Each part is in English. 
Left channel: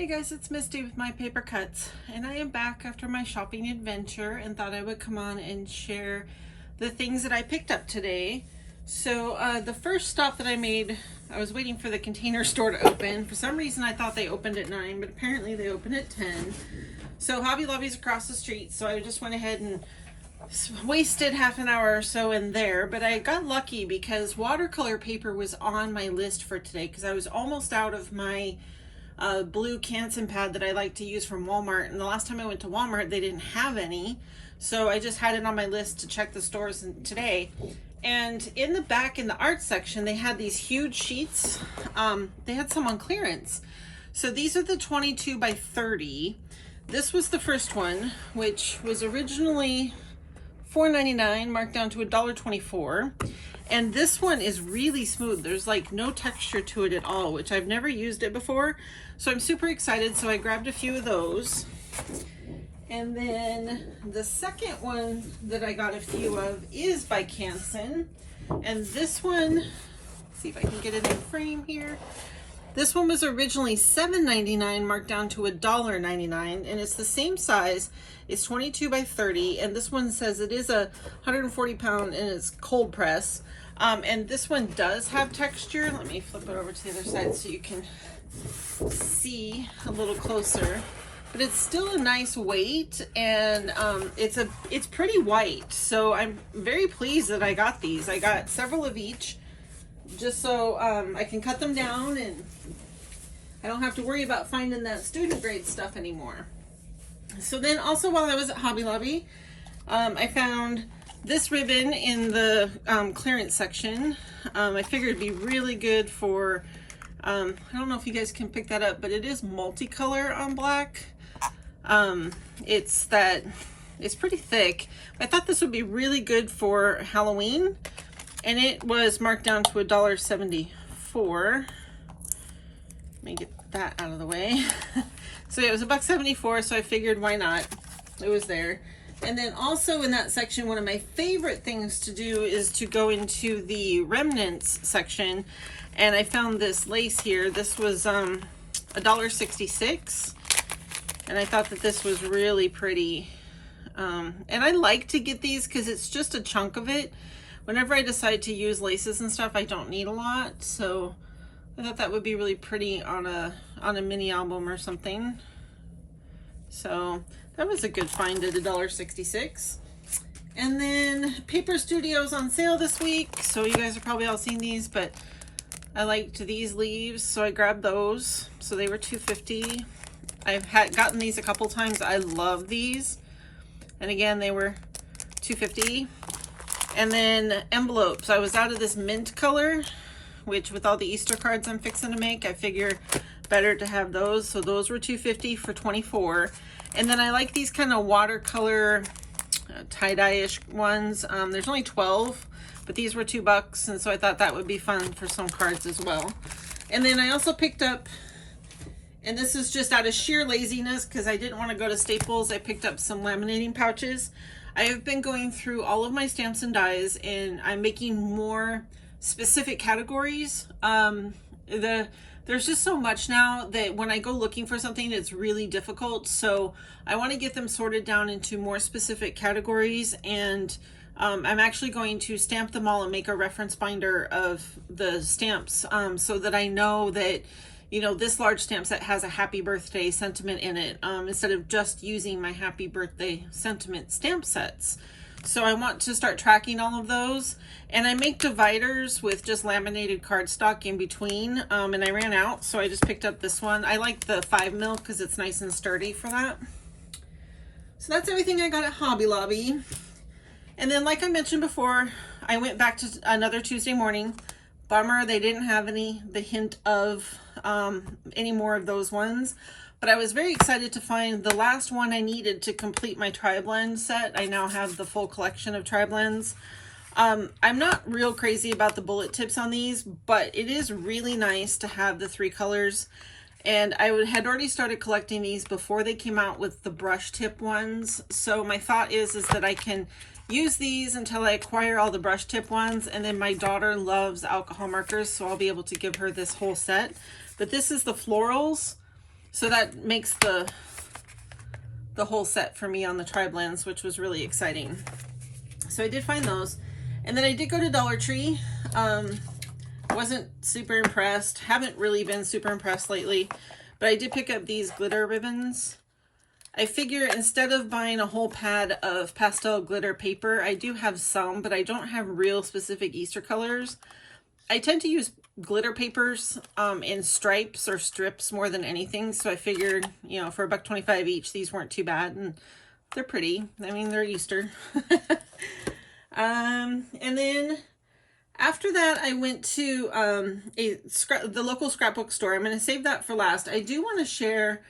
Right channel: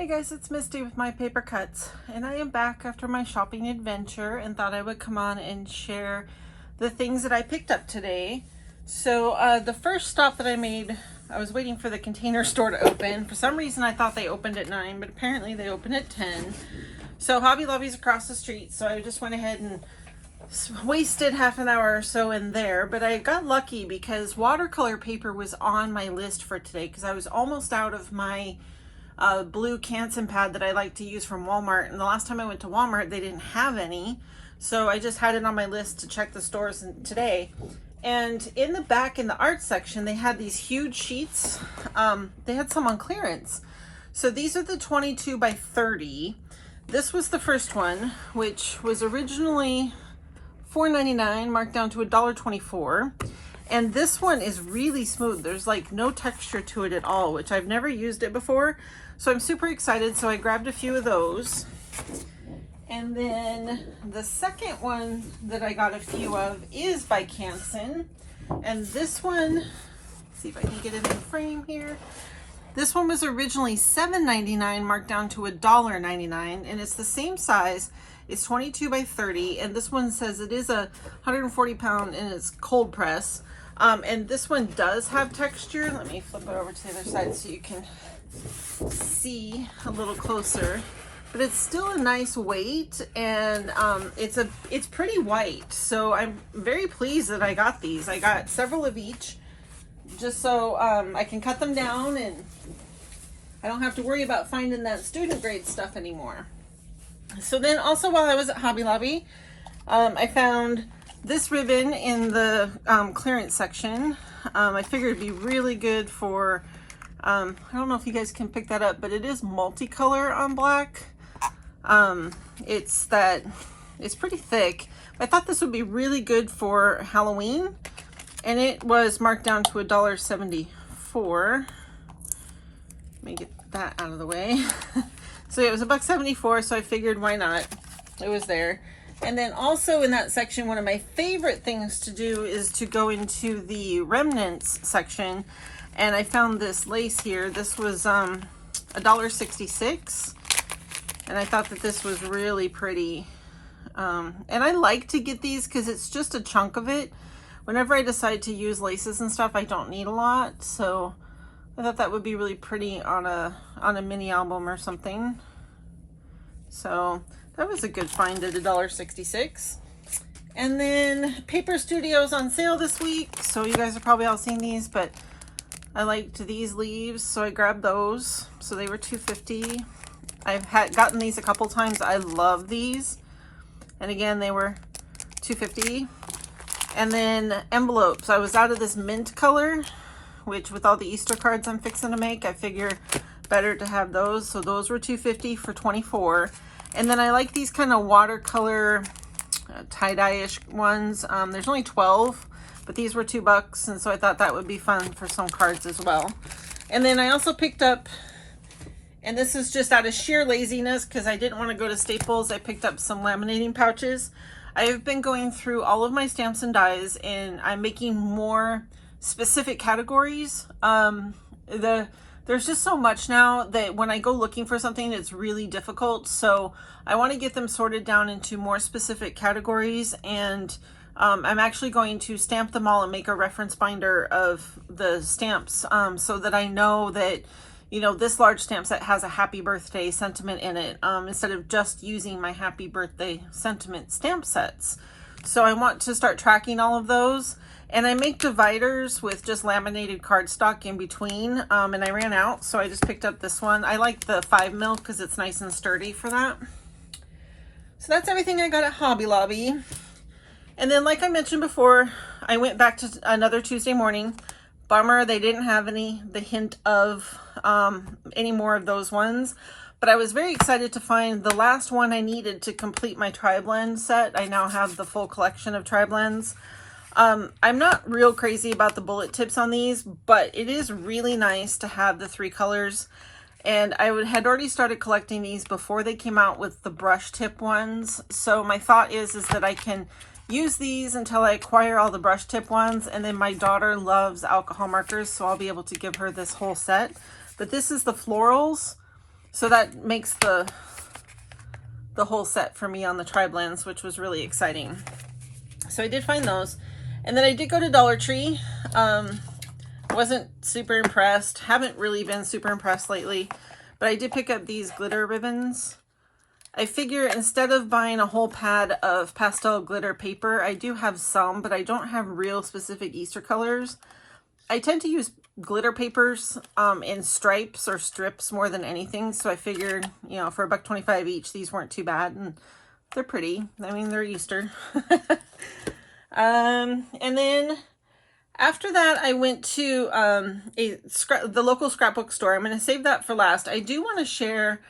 Hey guys, it's Misty with My Paper Cuts, and I am back after my shopping adventure and thought I would come on and share the things that I picked up today. So the first stop that I made, I was waiting for the Container Store to open. For some reason I thought they opened at 9, but apparently they open at 10. So Hobby Lobby's across the street, so I just went ahead and wasted half an hour or so in there. But I got lucky because watercolor paper was on my list for today because I was almost out of my blue Canson pad that I like to use from Walmart, and the last time I went to Walmart they didn't have any, so I just had it on my list to check the stores today. And in the back in the art section they had these huge sheets. They had some on clearance, so these are the 22 by 30. This was the first one, which was originally $4.99, marked down to $1.24. And this one is really smooth. There's like no texture to it at all, which I've never used it before. So I'm super excited. So I grabbed a few of those. And then the second one that I got a few of is by Canson. And this one, let's see if I can get it in frame here. This one was originally $7.99, marked down to $1.99, and it's the same size. It's 22 by 30, and this one says it is a 140 pound and it's cold press. And this one does have texture. Let me flip it over to the other side so you can see a little closer. But it's still a nice weight, and it's pretty white. So I'm very pleased that I got these. I got several of each, just so I can cut them down and I don't have to worry about finding that student grade stuff anymore. So then also while I was at Hobby Lobby, I found this ribbon in the clearance section. I figured it'd be really good for, I don't know if you guys can pick that up, but it is multicolor on black. It's pretty thick. I thought this would be really good for Halloween, and it was marked down to $1.74. Let me get that out of the way. So it was $1.74, so I figured why not? It was there. And then also in that section, one of my favorite things to do is to go into the remnants section, and I found this lace here. This was $1.66, and I thought that this was really pretty. And I like to get these because it's just a chunk of it. Whenever I decide to use laces and stuff, I don't need a lot, so I thought that would be really pretty on a mini album or something. So that was a good find at $1.66. And then Paper Studios on sale this week, so you guys have probably all seen these, but I liked these leaves, so I grabbed those. So they were $2.50. I've gotten these a couple times. I love these, and again they were $2.50. And then envelopes. I was out of this mint color, which with all the Easter cards I'm fixing to make, I figure better to have those. So those were $2.50 for 24. And then I like these kind of watercolor tie-dye-ish ones. There's only 12, but these were $2, and so I thought that would be fun for some cards as well. And then I also picked up, and this is just out of sheer laziness because I didn't want to go to Staples, I picked up some laminating pouches. I have been going through all of my stamps and dies, and I'm making more specific categories. There's just so much now that when I go looking for something, it's really difficult. So I want to get them sorted down into more specific categories, and I'm actually going to stamp them all and make a reference binder of the stamps, so that I know that, you know, this large stamp set has a happy birthday sentiment in it, instead of just using my happy birthday sentiment stamp sets. So I want to start tracking all of those, and I make dividers with just laminated cardstock in between, and I ran out, so I just picked up this one. I like the 5mm because it's nice and sturdy for that. So that's everything I got at Hobby Lobby. And then, like I mentioned before, I went back to another Tuesday morning. Bummer they didn't have the hint of any more of those ones, but I was very excited to find the last one I needed to complete my tri-blend set. I now have the full collection of tri-blends. I'm not real crazy about the bullet tips on these, but it is really nice to have the 3 colors, and I had already started collecting these before they came out with the brush tip ones. So my thought is that I can use these until I acquire all the brush tip ones, and then my daughter loves alcohol markers, so I'll be able to give her this whole set. But this is the florals, So that makes the whole set for me on the tri-blends, which was really exciting. So I did find those. And then I did go to Dollar Tree. Wasn't super impressed. Haven't really been super impressed lately. But I did pick up these glitter ribbons. I figure instead of buying a whole pad of pastel glitter paper, I do have some, but I don't have real specific Easter colors. I tend to use glitter papers in stripes or strips more than anything. So I figured, you know, for $1.25 each, these weren't too bad. And they're pretty. I mean, they're Easter. And then after that, I went to the local scrapbook store. I'm going to save that for last. I do want to share,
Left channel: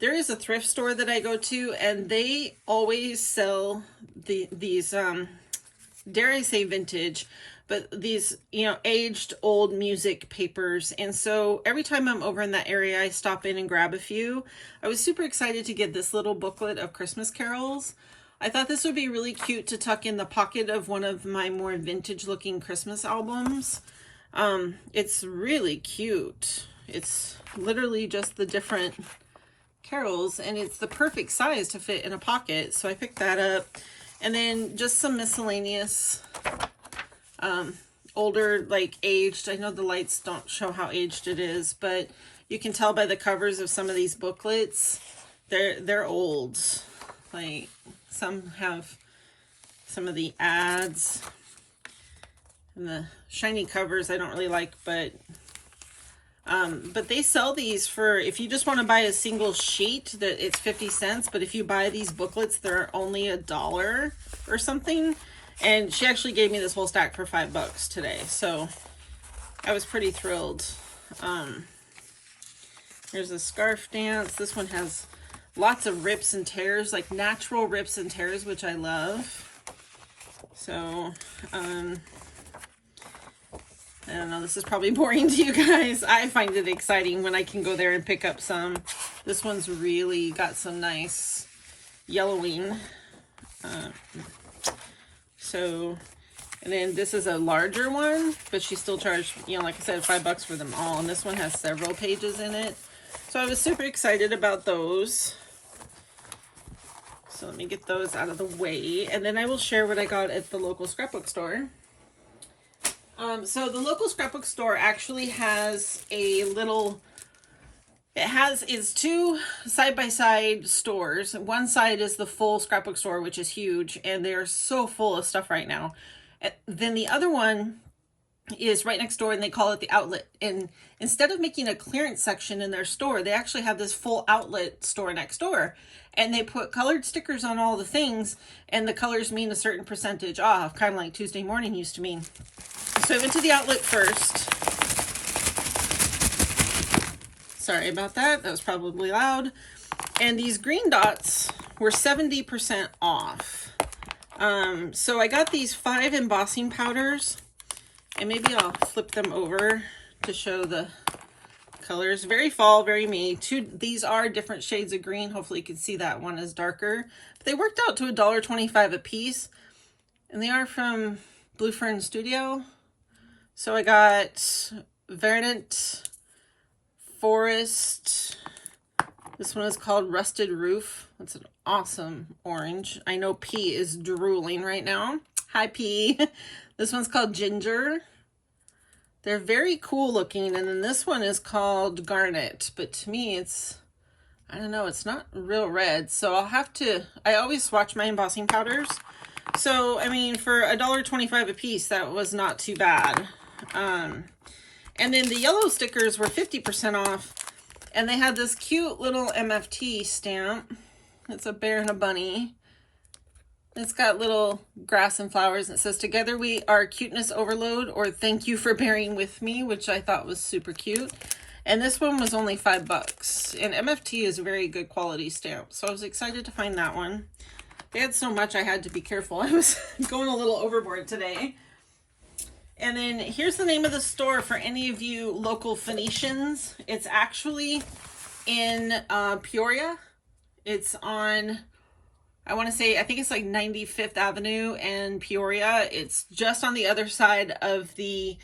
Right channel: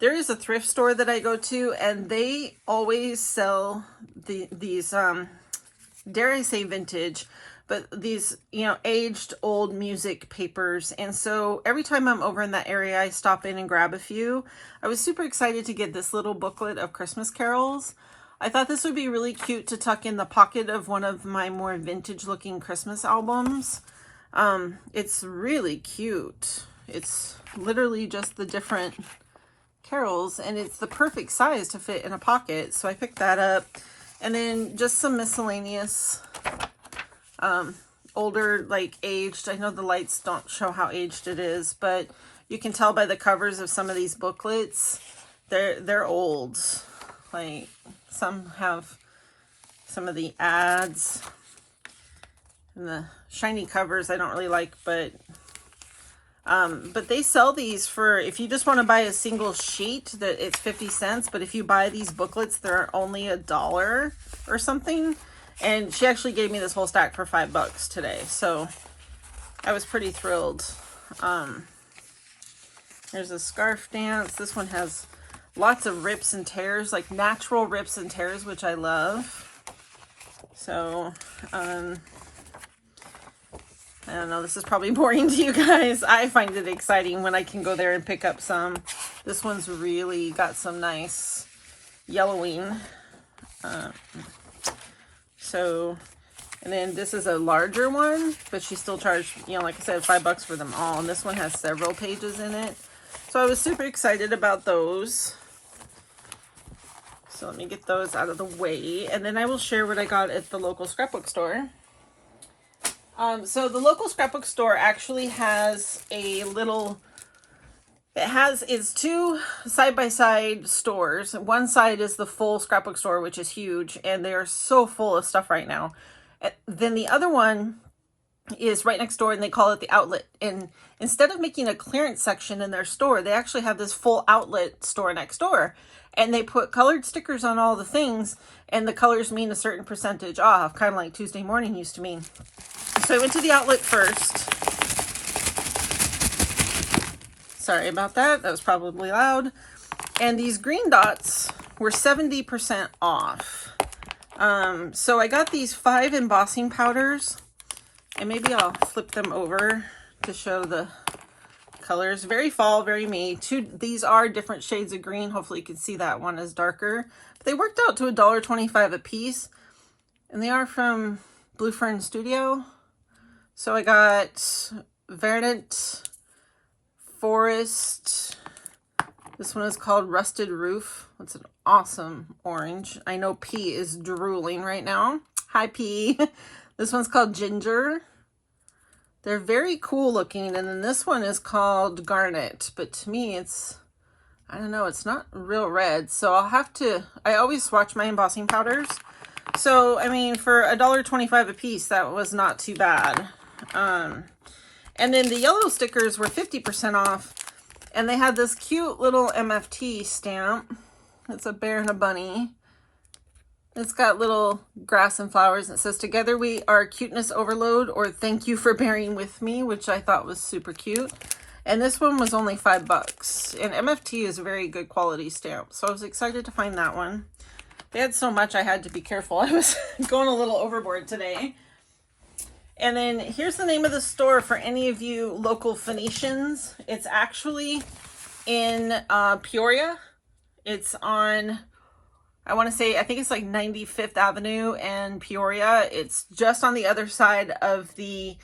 there is a thrift store that I go to, and they always sell these, dare I say vintage, but these, you know, aged old music papers. And so every time I'm over in that area, I stop in and grab a few. I was super excited to get this little booklet of Christmas carols. I thought this would be really cute to tuck in the pocket of one of my more vintage looking Christmas albums. It's really cute. It's literally just the different carols, and it's the perfect size to fit in a pocket. So I picked that up. And then just some miscellaneous older, like aged, I know the lights don't show how aged it is, but you can tell by the covers of some of these booklets, they're old. Like some have some of the ads and the shiny covers I don't really like, but they sell these for, if you just want to buy a single sheet, that it's 50 cents, but if you buy these booklets, they're only $1 or something. And she actually gave me this whole stack for $5 today, so I was pretty thrilled. There's a scarf dance. This one has lots of rips and tears, like natural rips and tears, which I love. So, I don't know, this is probably boring to you guys. I find it exciting when I can go there and pick up some. This one's really got some nice yellowing. And then this is a larger one, but she still charged, you know, like I said, $5 for them all. And this one has several pages in it. So I was super excited about those. So let me get those out of the way. And then I will share what I got at the local scrapbook store. So the local scrapbook store actually has a little, it's two side-by-side stores. One side is the full scrapbook store, which is huge, and they're so full of stuff right now. Then the other one is right next door, and they call it the outlet. And instead of making a clearance section in their store, they actually have this full outlet store next door. And they put colored stickers on all the things, and the colors mean a certain percentage off, kind of like Tuesday morning used to mean. So I went to the outlet first. Sorry about that. That was probably loud. And these green dots were 70% off. So I got these 5 embossing powders, and maybe I'll flip them over to show the colors. Very fall, very me. These are different shades of green. Hopefully you can see that one is darker. But they worked out to $1.25 a piece, and they are from Blue Fern Studio. So I got Verdant Forest. This one is called Rusted Roof. It's an awesome orange. I know P is drooling right now. Hi, P. This one's called Ginger. They're very cool looking. And then this one is called Garnet. But to me, it's, I don't know, it's not real red. So I'll have to, I always swatch my embossing powders. So, I mean, for $1.25 a piece, that was not too bad. And then the yellow stickers were 50% off. And they had this cute little MFT stamp. It's a bear and a bunny. It's got little grass and flowers. It says, "Together we are cuteness overload," or "Thank you for bearing with me," which I thought was super cute. And this one was only $5. And MFT is a very good quality stamp. So I was excited to find that one. They had so much I had to be careful. I was going a little overboard today. And then here's the name of the store for any of you local Phoenicians. It's actually in Peoria. It's on, I want to say, I think it's like 95th Avenue and Peoria. It's just on the other side of the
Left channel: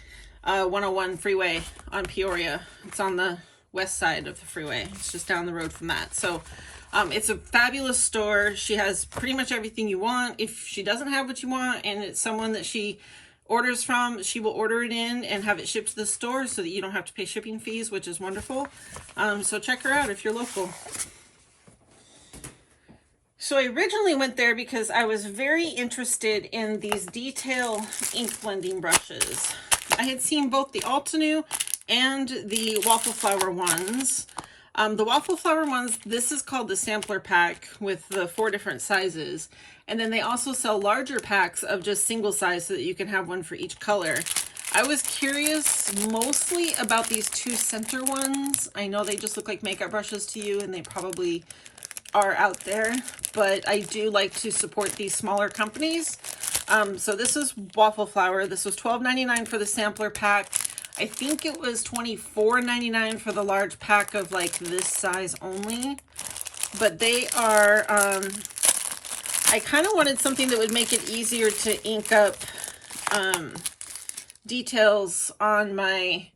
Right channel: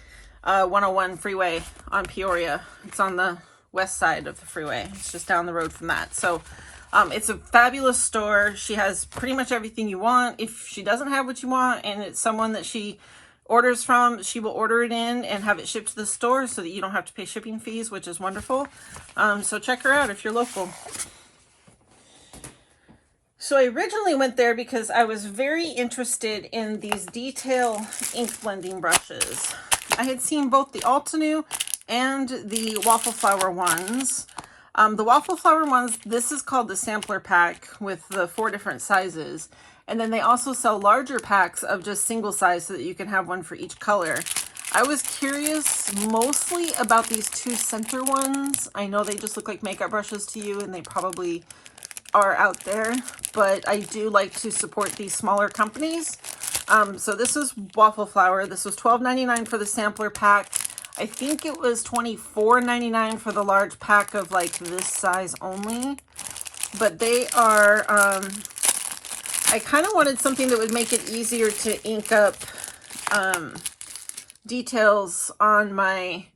101 freeway on Peoria. It's on the west side of the freeway. It's just down the road from that. So it's a fabulous store. She has pretty much everything you want. If she doesn't have what you want and it's someone that she orders from, she will order it in and have it shipped to the store so that you don't have to pay shipping fees, which is wonderful. So check her out if you're local. So I originally went there because I was very interested in these detail ink blending brushes. I had seen both the Altenew and the Waffle Flower ones. The Waffle Flower ones, this is called the sampler pack with the 4 different sizes. And then they also sell larger packs of just single size so that you can have one for each color. I was curious mostly about these 2 center ones. I know they just look like makeup brushes to you, and they probably are out there, but I do like to support these smaller companies. So this is Waffle Flower. This was $12.99 for the sampler pack. I think it was $24.99 for the large pack of like this size only. But they are, I kind of wanted something that would make it easier to ink up details on my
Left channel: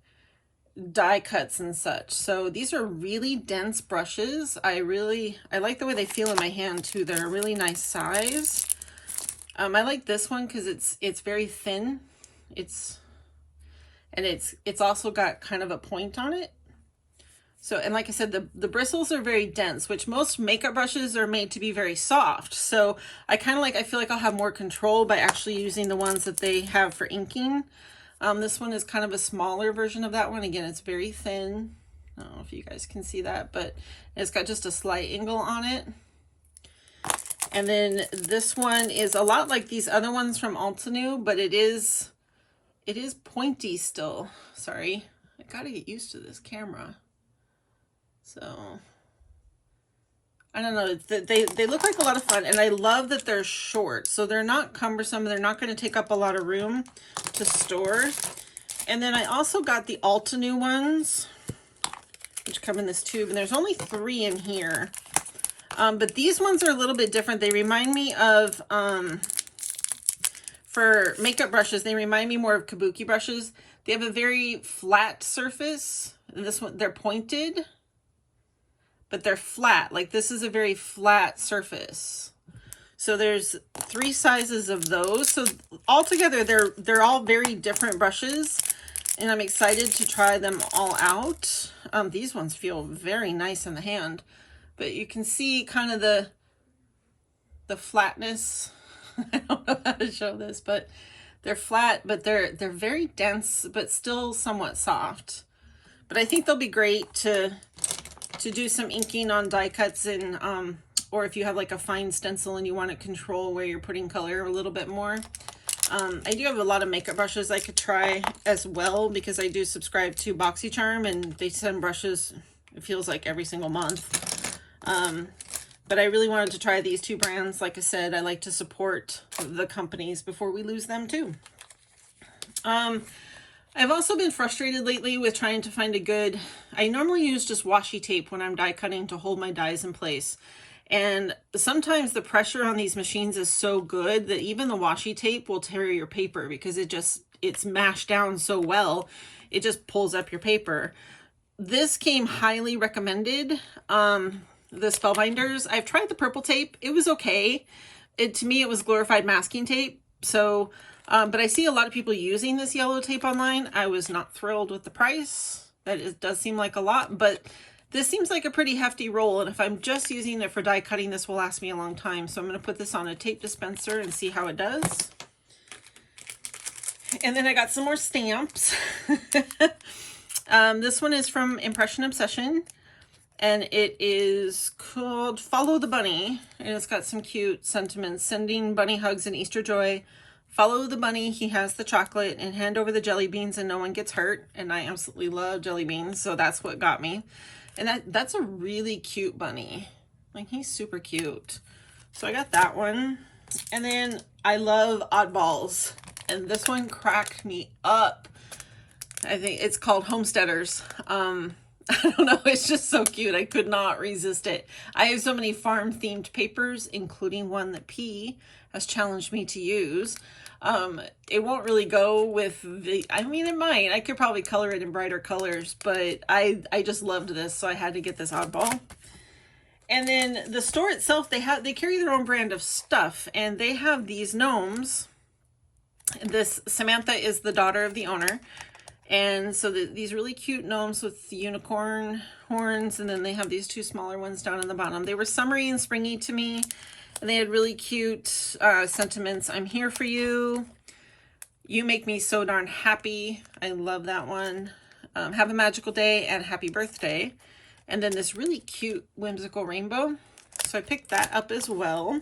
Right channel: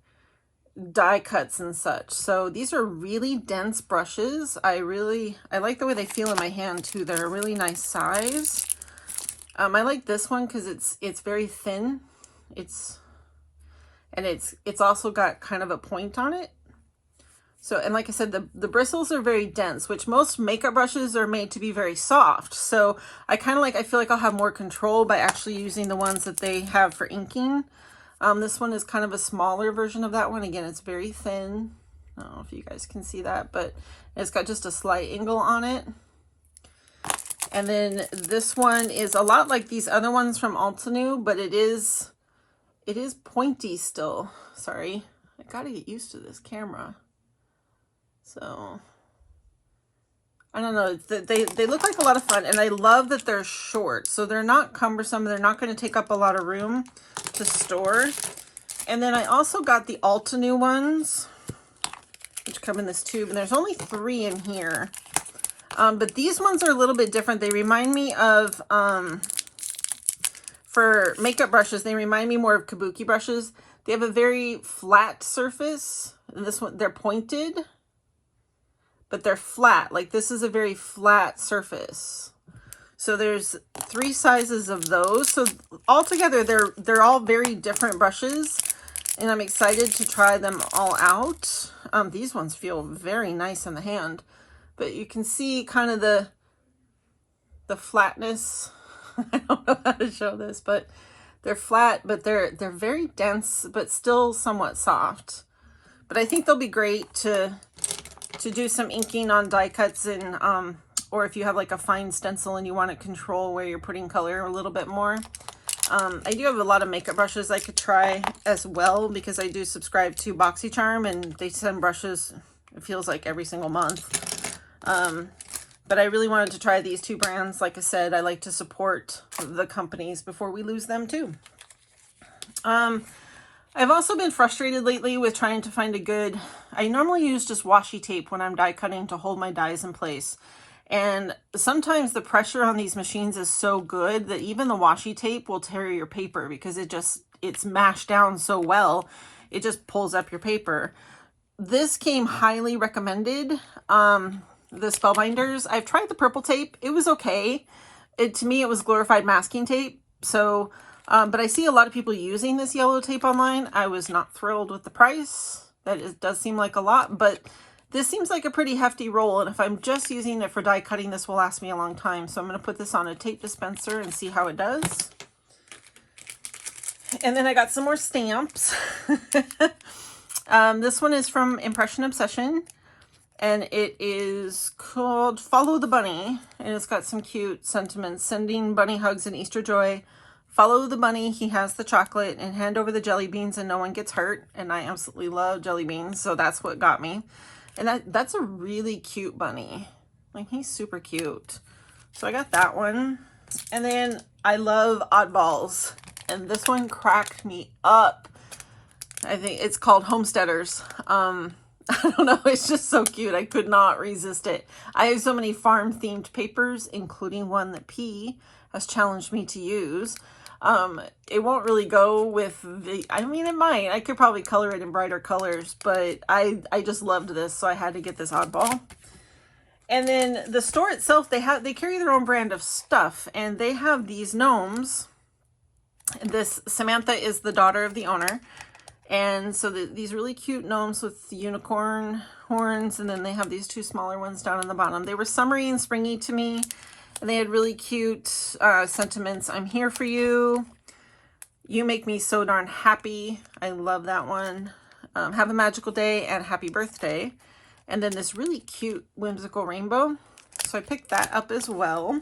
die cuts and such. So these are really dense brushes. I like the way they feel in my hand too. They're a really nice size. I like this one because it's very thin. It's also got kind of a point on it. So, and like I said, the bristles are very dense, which most makeup brushes are made to be very soft. So I feel like I'll have more control by actually using the ones that they have for inking. This one is kind of a smaller version of that one. Again, it's very thin. I don't know if you guys can see that, but it's got just a slight angle on it. And then this one is a lot like these other ones from Altenew, but it is pointy still. Sorry, I gotta get used to this camera. So I don't know, they look like a lot of fun, and I love that they're short, so they're not cumbersome. They're not going to take up a lot of room to store. And then I also got the Altenew ones, which come in this tube, and there's only 3 in here. But these ones are a little bit different. They remind me of, for makeup brushes, they remind me more of kabuki brushes. They have a very flat surface, and this one, they're pointed, but they're flat. Like this is a very flat surface. So there's 3 sizes of those. So altogether, they're all very different brushes, and I'm excited to try them all out. These ones feel very nice in the hand, but you can see kind of the flatness. I don't know how to show this, but they're flat, but they're very dense, but still somewhat soft. But I think they'll be great to do some inking on die cuts, and or if you have like a fine stencil and you want to control where you're putting color a little bit more. I do have a lot of makeup brushes I could try as well, because I do subscribe to BoxyCharm, and they send brushes, it feels like every single month. But I really wanted to try these 2 brands. Like I said, I like to support the companies before we lose them too. I've also been frustrated lately with trying to find a good, I normally use just washi tape when I'm die cutting to hold my dies in place. And sometimes the pressure on these machines is so good that even the washi tape will tear your paper, because it's mashed down so well, it just pulls up your paper. This came highly recommended, the Spellbinders. I've tried the purple tape. It was okay. To me, it was glorified masking tape. So, but I see a lot of people using this yellow tape online. I was not thrilled with the price. It does seem like a lot, but this seems like a pretty hefty roll, and if I'm just using it for die cutting, this will last me a long time. So I'm going to put this on a tape dispenser and see how it does. And then I got some more stamps. This one is from Impression Obsession, and it is called Follow the Bunny, and it's got some cute sentiments. Sending bunny hugs and Easter joy. Follow the bunny, he has the chocolate, and hand over the jelly beans and no one gets hurt. And I absolutely love jelly beans, so that's what got me. And that's a really cute bunny. Like, he's super cute. So I got that one. And then I love oddballs, and this one cracked me up. I think it's called Homesteaders. I don't know, it's just so cute. I could not resist it. I have so many farm themed papers, including one that P has challenged me to use. It won't really go with the, I mean, it might. I could probably color it in brighter colors, but I just loved this, so I had to get this oddball. And then the store itself, they carry their own brand of stuff, and they have these gnomes. This Samantha is the daughter of the owner. And so these really cute gnomes with the unicorn horns, and then they have these two smaller ones down in the bottom. They were summery and springy to me, and they had really cute sentiments. I'm here for you. You make me so darn happy. I love that one. Have a magical day and happy birthday. And then this really cute whimsical rainbow. So I picked that up as well.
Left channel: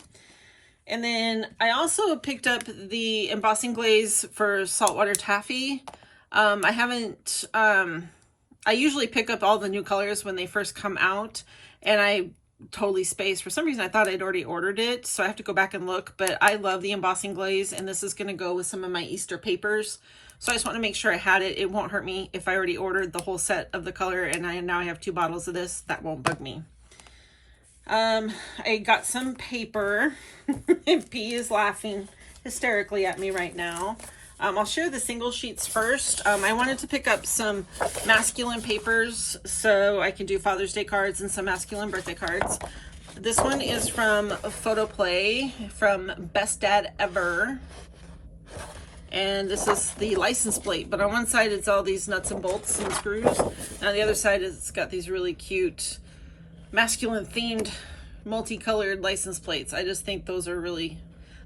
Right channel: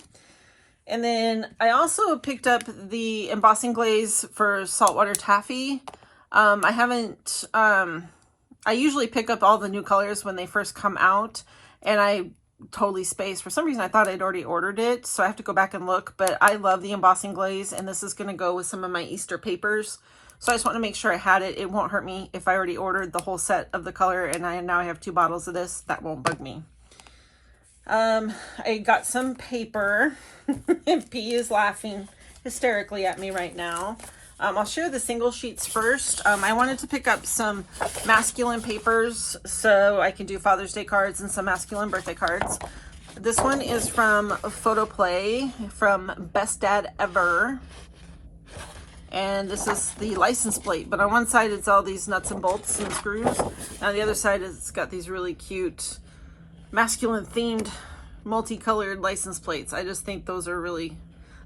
And then I also picked up the embossing glaze for Saltwater Taffy. I usually pick up all the new colors when they first come out, and I totally spaced. For some reason, I thought I'd already ordered it, so I have to go back and look, but I love the embossing glaze, and this is going to go with some of my Easter papers. So I just want to make sure I had it. It won't hurt me if I already ordered the whole set of the color, and now I have 2 bottles of this. That won't bug me. I got some paper. P is laughing hysterically at me right now. I'll share the single sheets first. I wanted to pick up some masculine papers so I can do Father's Day cards and some masculine birthday cards. This one is from Photo Play, from Best Dad Ever. And this is the license plate, but on one side it's all these nuts and bolts and screws. On the other side it's got these really cute masculine themed multicolored license plates. I just think those are really,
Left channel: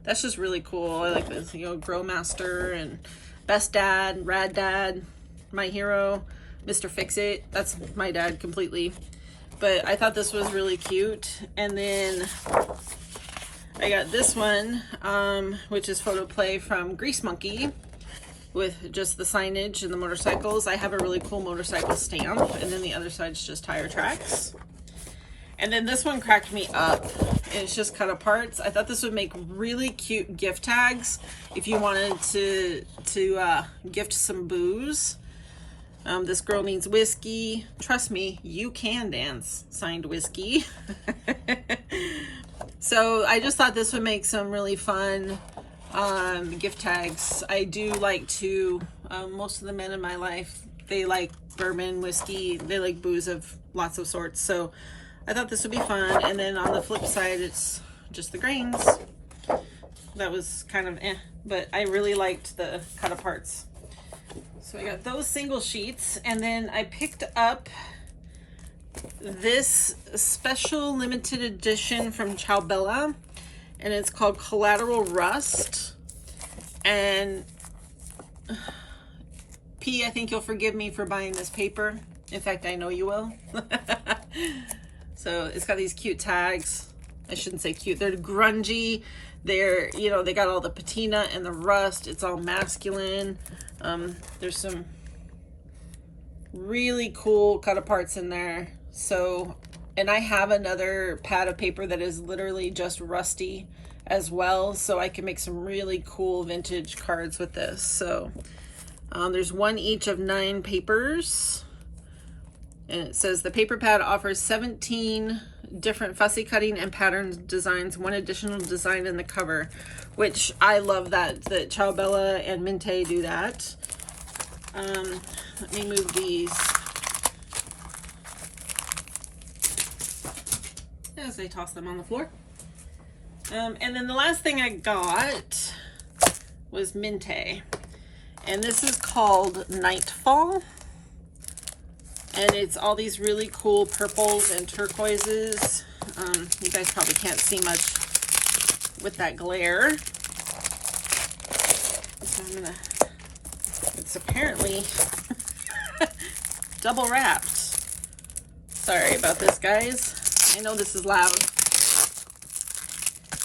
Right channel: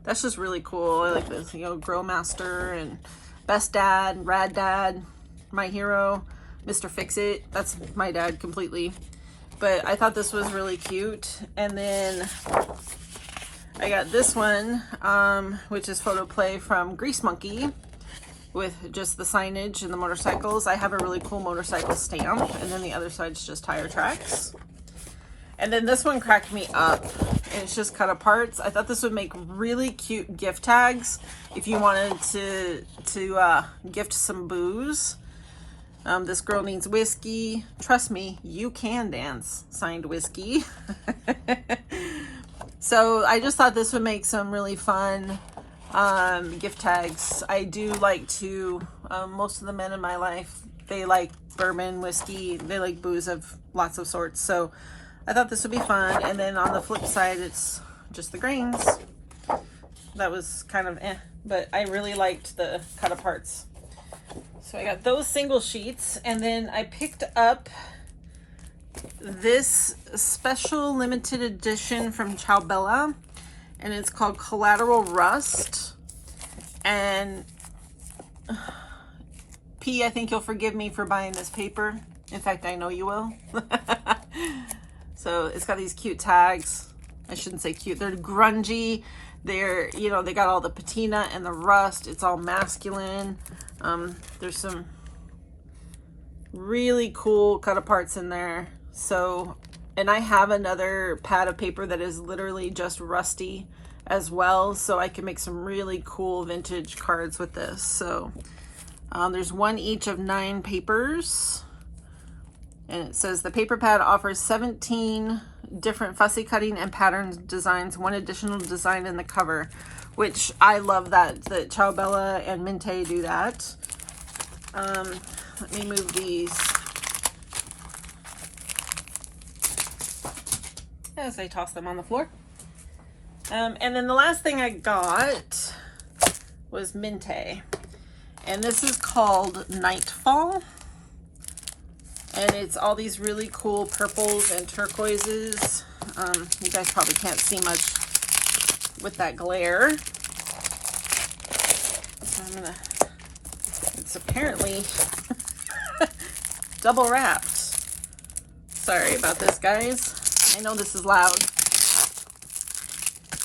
that's just really cool. I like this, you know, Grow Master and Best Dad, Rad Dad, My Hero, Mr. Fix It. That's my dad completely. But I thought this was really cute. And then I got this one, which is Photo Play from Grease Monkey, with just the signage and the motorcycles. I have a really cool motorcycle stamp, and then the other side's just tire tracks. And then this one cracked me up, and it's just cut aparts. I thought this would make really cute gift tags if you wanted to gift some booze. This girl needs whiskey. Trust me, you can dance. Signed, Whiskey. So I just thought this would make some really fun gift tags. I do like to, most of the men in my life, they like bourbon, whiskey, they like booze of lots of sorts. So I thought this would be fun. And then on the flip side, it's just the grains. That was kind of but I really liked the cut aparts. So I got those single sheets, and then I picked up this special limited edition from Ciao, and it's called Collateral Rust. And P, I think you'll forgive me for buying this paper. In fact, I know you will. So it's got these cute tags. I shouldn't say cute, they're grungy. They're, you know, they got all the patina and the rust. It's all masculine. There's some really cool cut aparts in there. So, and I have another pad of paper that is literally just rusty as well, so I can make some really cool vintage cards with this. So there's one each of 9 papers, and it says the paper pad offers 17 different fussy cutting and pattern designs, 1 additional design in the cover, which I love that Ciao and Minte do that. Let me move these as I toss them on the floor. And then the last thing I got was Minte, and this is called Nightfall, and it's all these really cool purples and turquoises. You guys probably can't see much with that glare, so I'm gonna, it's apparently double wrapped. Sorry about this, guys. I know this is loud.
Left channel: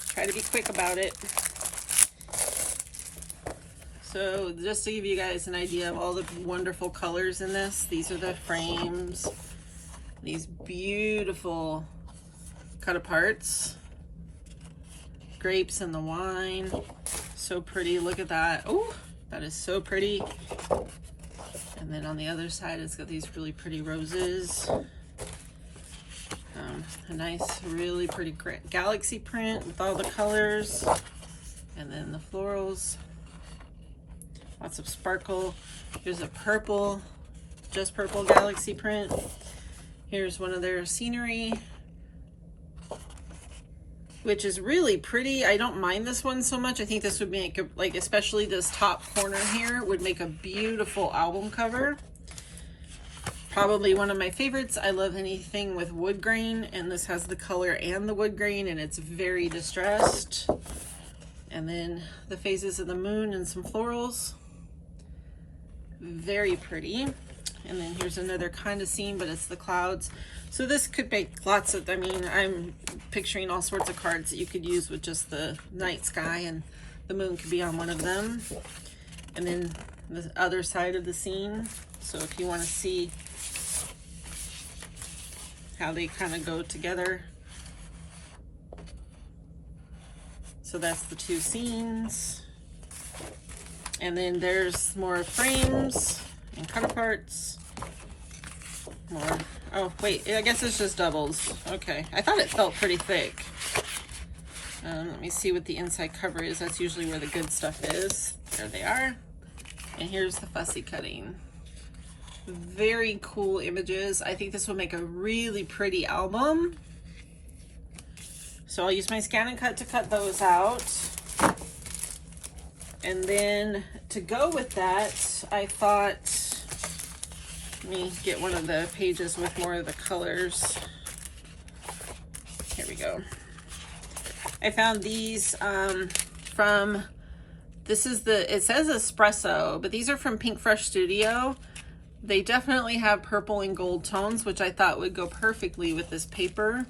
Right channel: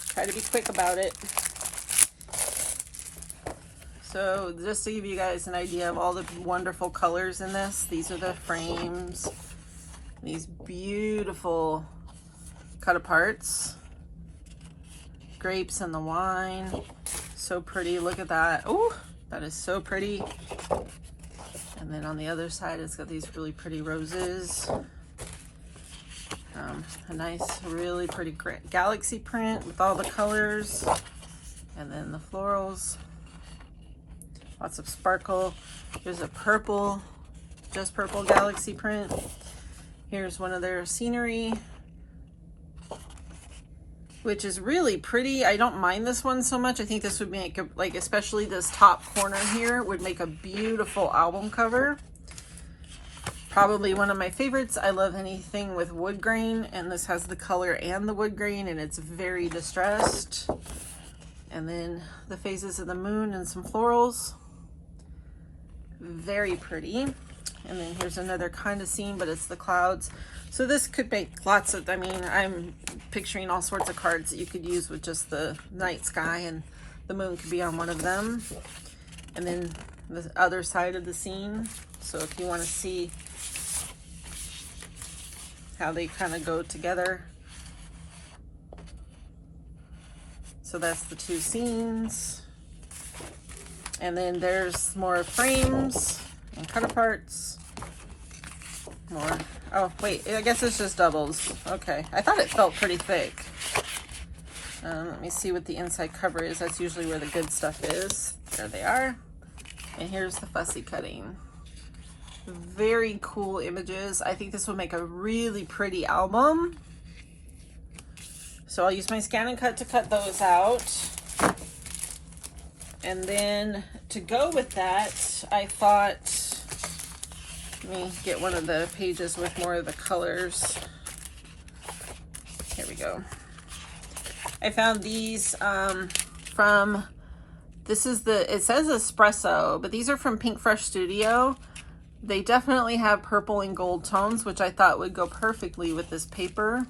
Try to be quick about it. So just to give you guys an idea of all the wonderful colors in this, these are the frames. These beautiful cut aparts. Grapes and the wine. So pretty, look at that. Oh, that is so pretty. And then on the other side, it's got these really pretty roses. A nice, really pretty galaxy print with all the colors. And then the florals. Lots of sparkle. There's a purple, just purple galaxy print. Here's one of their scenery, which is really pretty. I don't mind this one so much. I think this would make, like, especially this top corner here, would make a beautiful album cover. Probably one of my favorites. I love anything with wood grain, and this has the color and the wood grain, and it's very distressed. And then the phases of the moon and some florals. Very pretty. And then here's another kind of scene, but it's the clouds. So this could make lots of, I mean, I'm picturing all sorts of cards that you could use with just the night sky, and the moon could be on one of them. And then the other side of the scene. So if you want to see how they kind of go together. So that's the two scenes. And then there's more frames and cut aparts. More. Oh, wait, I guess it's just doubles. Okay, I thought it felt pretty thick. Let me see what the inside cover is. That's usually where the good stuff is. There they are. And here's the fussy cutting. Very cool images. I think this will make a really pretty album. So I'll use my scan and cut to cut those out. And then to go with that, I thought, let me get one of the pages with more of the colors. Here we go. I found these from, this is the, it says espresso, but these are from Pink Fresh Studio. They definitely have purple and gold tones, which I thought would go perfectly with this paper.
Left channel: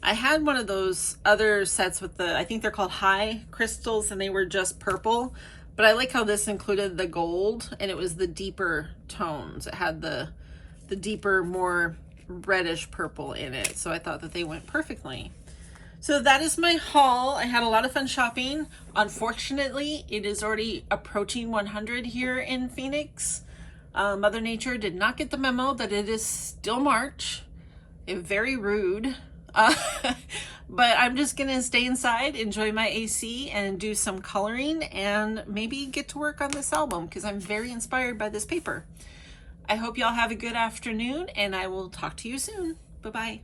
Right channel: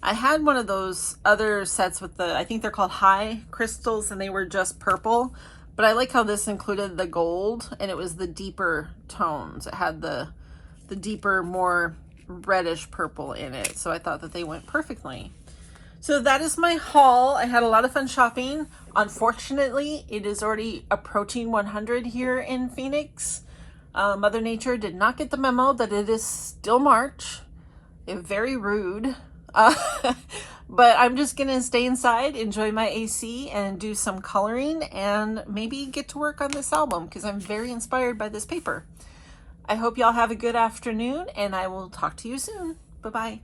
I had one of those other sets with the, I think they're called high crystals, and they were just purple, but I like how this included the gold, and it was the deeper tones. It had the deeper, more reddish purple in it, so I thought that they went perfectly. So that is my haul. I had a lot of fun shopping. Unfortunately, it is already approaching 100 here in Phoenix. Mother Nature did not get the memo that it is still March. Very rude. But I'm just gonna stay inside, enjoy my AC, and do some coloring, and maybe get to work on this album because I'm very inspired by this paper. I hope y'all have a good afternoon, and I will talk to you soon. Bye-bye.